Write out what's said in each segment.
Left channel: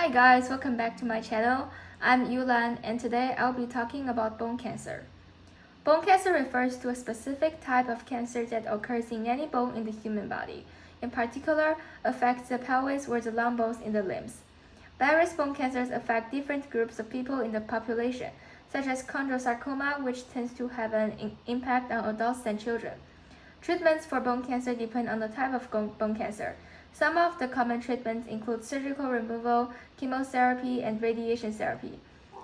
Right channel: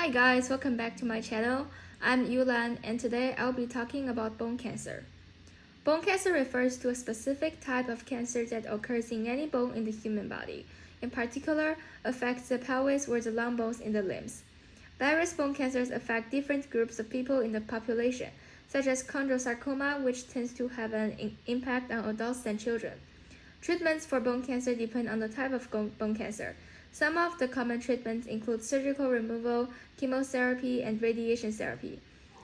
Hi guys, welcome back to my channel. I'm Yulan and today I'll be talking about bone cancer. Bone cancer refers to a specific type of cancer that occurs in any bone in the human body. In particular, affects the pelvis or the long bones in the limbs. Various bone cancers affect different groups of people in the population, such as chondrosarcoma, which tends to have an impact on adults and children. Treatments for bone cancer depend on the type of bone cancer. Some of the common treatments include surgical removal, chemotherapy, and radiation therapy.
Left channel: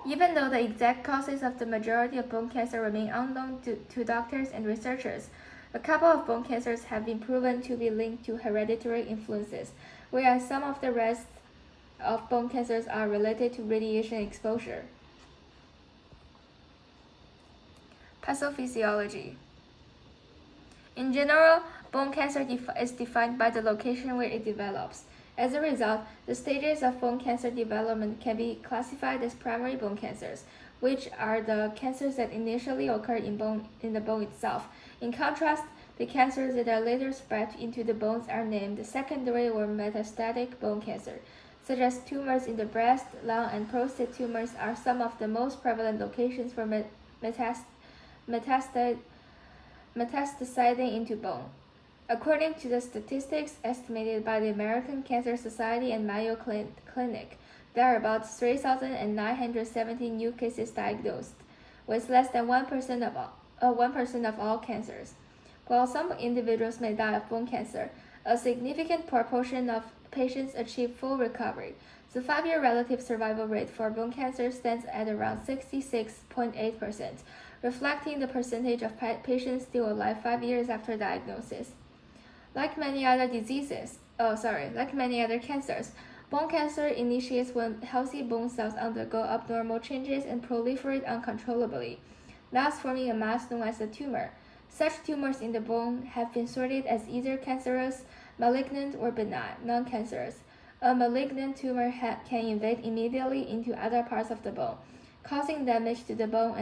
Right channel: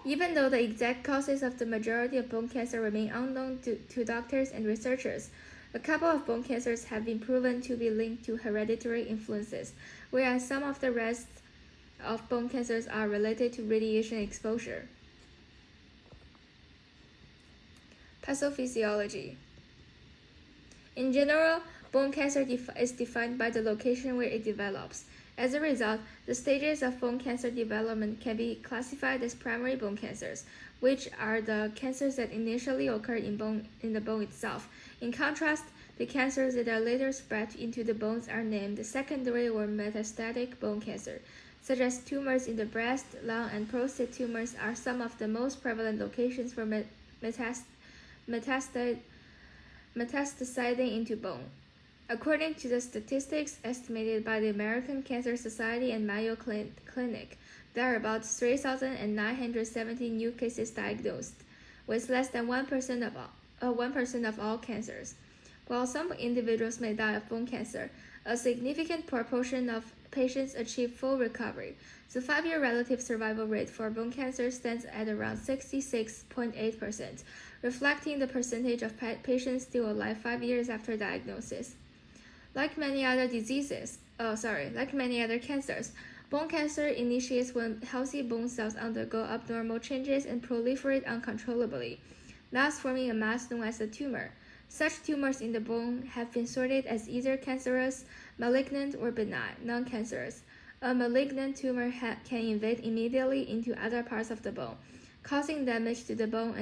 Even though the exact causes of the majority of bone cancer remain unknown to doctors and researchers, a couple of bone cancers have been proven to be linked to hereditary influences, whereas some of the rest of bone cancers are related to radiation exposure. Pathophysiology. In general, bone cancer is defined by the location where it develops. As a result, the stages of bone cancer development can be classified as primary bone cancers, which are the cancers that initially occur in the bone itself. In contrast, the cancers that are later spread into the bones are named secondary or metastatic bone cancer, such as tumors in the breast, lung, and prostate tumors are some of the most prevalent locations for metastasizing into bone. According to the statistics estimated by the American Cancer Society and Mayo Clinic, there are about 3,970 new cases diagnosed, with less than 1% of all cancers. While some individuals may die of bone cancer, a significant proportion of patients achieve full recovery. The 5-year relative survival rate for bone cancer stands at around 66.8%, reflecting the percentage of patients still alive 5 years after diagnosis. Like many other cancers, bone cancer initiates when healthy bone cells undergo abnormal changes and proliferate uncontrollably, thus forming a mass known as a tumor. Such tumors in the bone have been sorted as either cancerous, malignant, or benign, non-cancerous. A malignant tumor can invade immediately into other parts of the bone, causing damage to the bone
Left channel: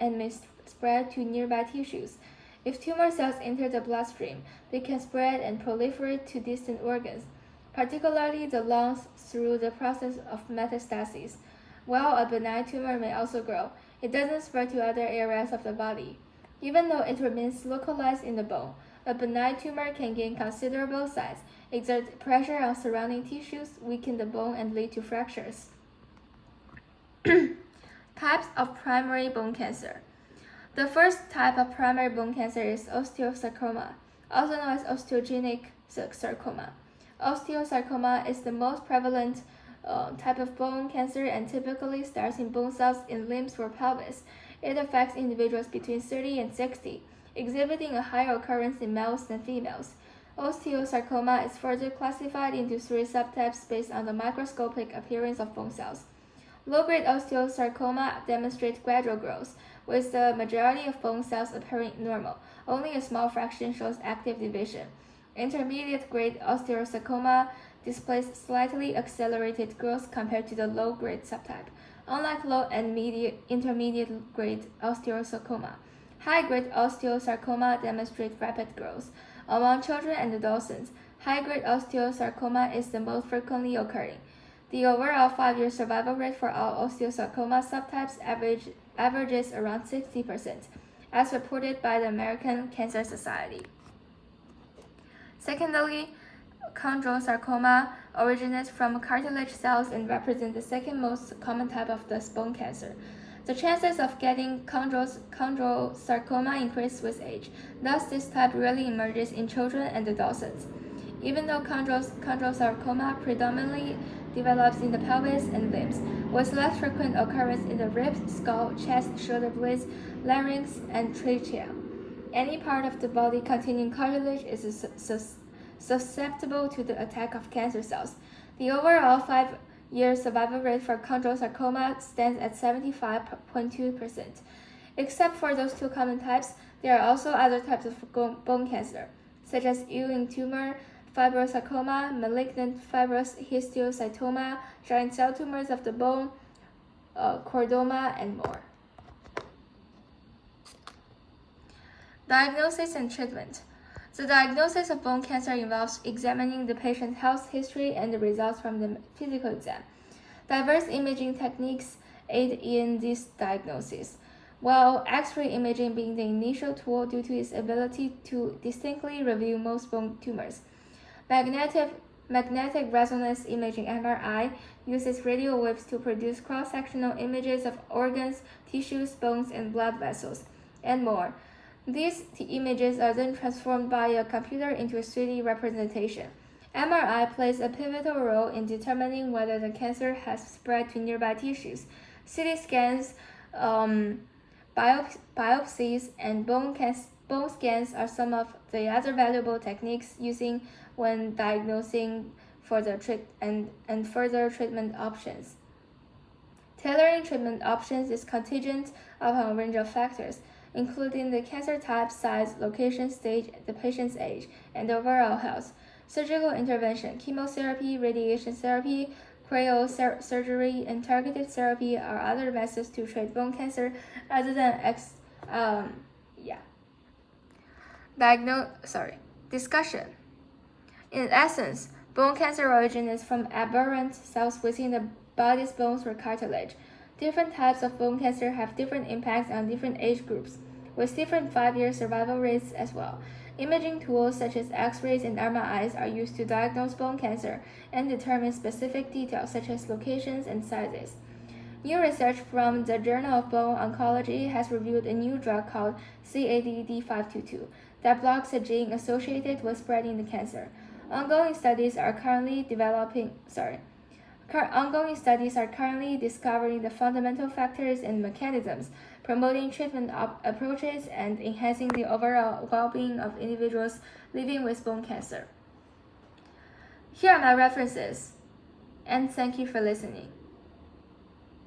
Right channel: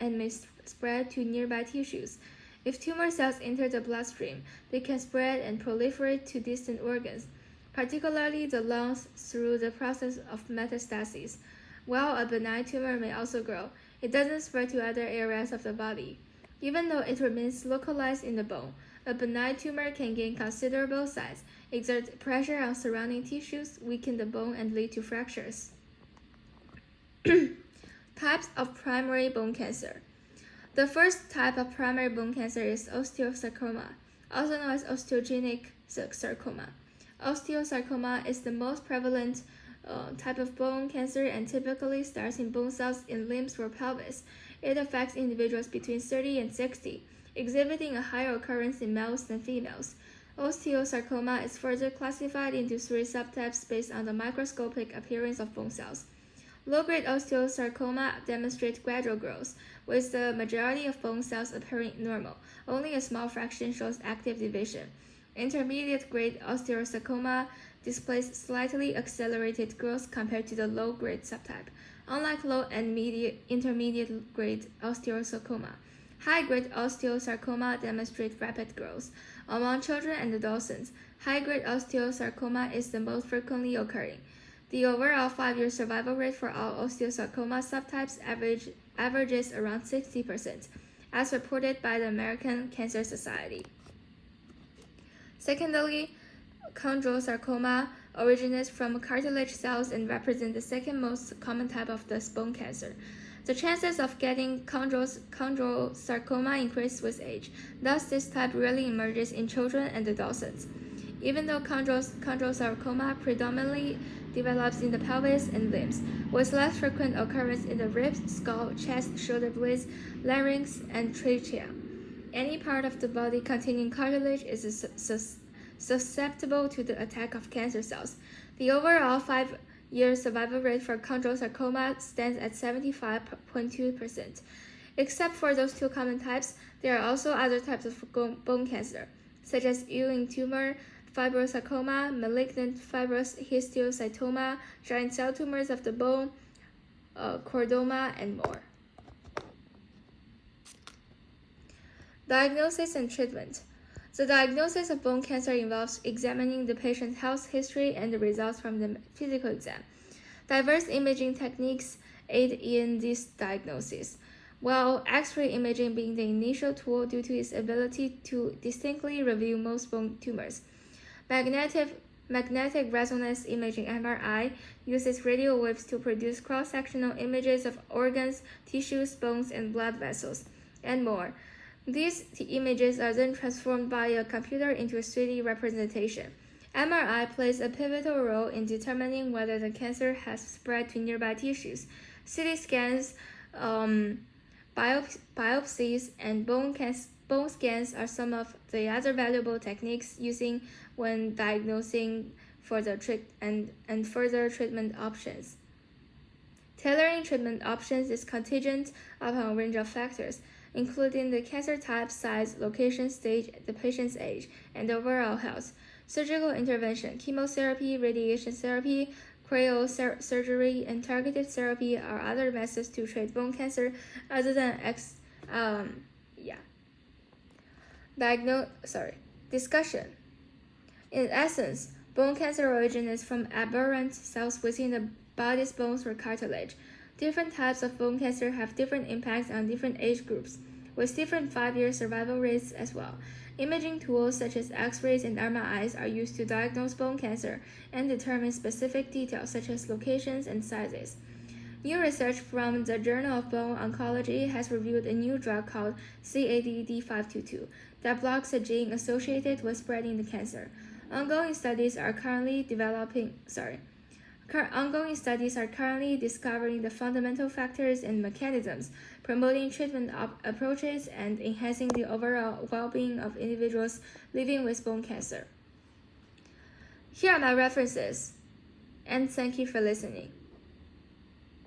and may spread to nearby tissues. If tumor cells enter the bloodstream, they can spread and proliferate to distant organs, particularly the lungs, through the process of metastasis. While a benign tumor may also grow, it doesn't spread to other areas of the body. Even though it remains localized in the bone, a benign tumor can gain considerable size, exert pressure on surrounding tissues, weaken the bone, and lead to fractures. Types of primary bone cancer. The first type of primary bone cancer is osteosarcoma, also known as osteogenic sarcoma. Osteosarcoma is the most prevalent type of bone cancer and typically starts in bone cells in limbs or pelvis. It affects individuals between 30 and 60, exhibiting a higher occurrence in males than females. Osteosarcoma is further classified into 3 subtypes based on the microscopic appearance of bone cells. Low-grade osteosarcoma demonstrates gradual growth, with the majority of bone cells appearing normal. Only a small fraction shows active division. Intermediate-grade osteosarcoma displays slightly accelerated growth compared to the low-grade subtype, unlike low and intermediate-grade osteosarcoma. High-grade osteosarcoma demonstrates rapid growth. Among children and adolescents, high-grade osteosarcoma is the most frequently occurring. The overall 5-year survival rate for all osteosarcoma subtypes averages around 60%, as reported by the American Cancer Society. Secondly, chondrosarcoma originates from cartilage cells and represents the second most common type of this bone cancer. The chances of getting chondrosarcoma increase with age, thus this type rarely emerges in children and adolescents. Even though chondrosarcoma predominantly develops in the pelvis and limbs, with less frequent occurrence in the ribs, skull, chest, shoulder blades, larynx, and trachea. Any part of the body containing cartilage is susceptible to the attack of cancer cells. The overall 5-year survival rate for chondrosarcoma stands at 75.2%. Except for those 2 common types, there are also other types of bone cancer, such as Ewing tumor, fibrosarcoma, malignant fibrous histiocytoma, giant cell tumors of the bone, chordoma, and more. Diagnosis and treatment. The diagnosis of bone cancer involves examining the patient's health history and the results from the physical exam. Diverse imaging techniques aid in this diagnosis, while X-ray imaging being the initial tool due to its ability to distinctly reveal most bone tumors. Magnetic resonance imaging (MRI) uses radio waves to produce cross-sectional images of organs, tissues, bones, and blood vessels, and more. These images are then transformed by a computer into a 3D representation. MRI plays a pivotal role in determining whether the cancer has spread to nearby tissues. CT scans, biopsies, and bone scans are some of the other valuable techniques using when diagnosing for the and further treatment options. Tailoring treatment options is contingent upon a range of factors, including the cancer type, size, location, stage, the patient's age, and overall health. Surgical intervention, chemotherapy, radiation therapy, cryosurgery, and targeted therapy are other methods to treat bone cancer other than Discussion. In essence, bone cancer originates from aberrant cells within the body's bones or cartilage. Different types of bone cancer have different impacts on different age groups, with different 5-year survival rates as well. Imaging tools such as X-rays and MRIs are used to diagnose bone cancer and determine specific details such as locations and sizes. New research from the Journal of Bone Oncology has revealed a new drug called CADD522 that blocks a gene associated with spreading the cancer. Ongoing studies are currently discovering the fundamental factors and mechanisms, promoting treatment approaches, and enhancing the overall well-being of individuals living with bone cancer. Here are my references, and thank you for listening.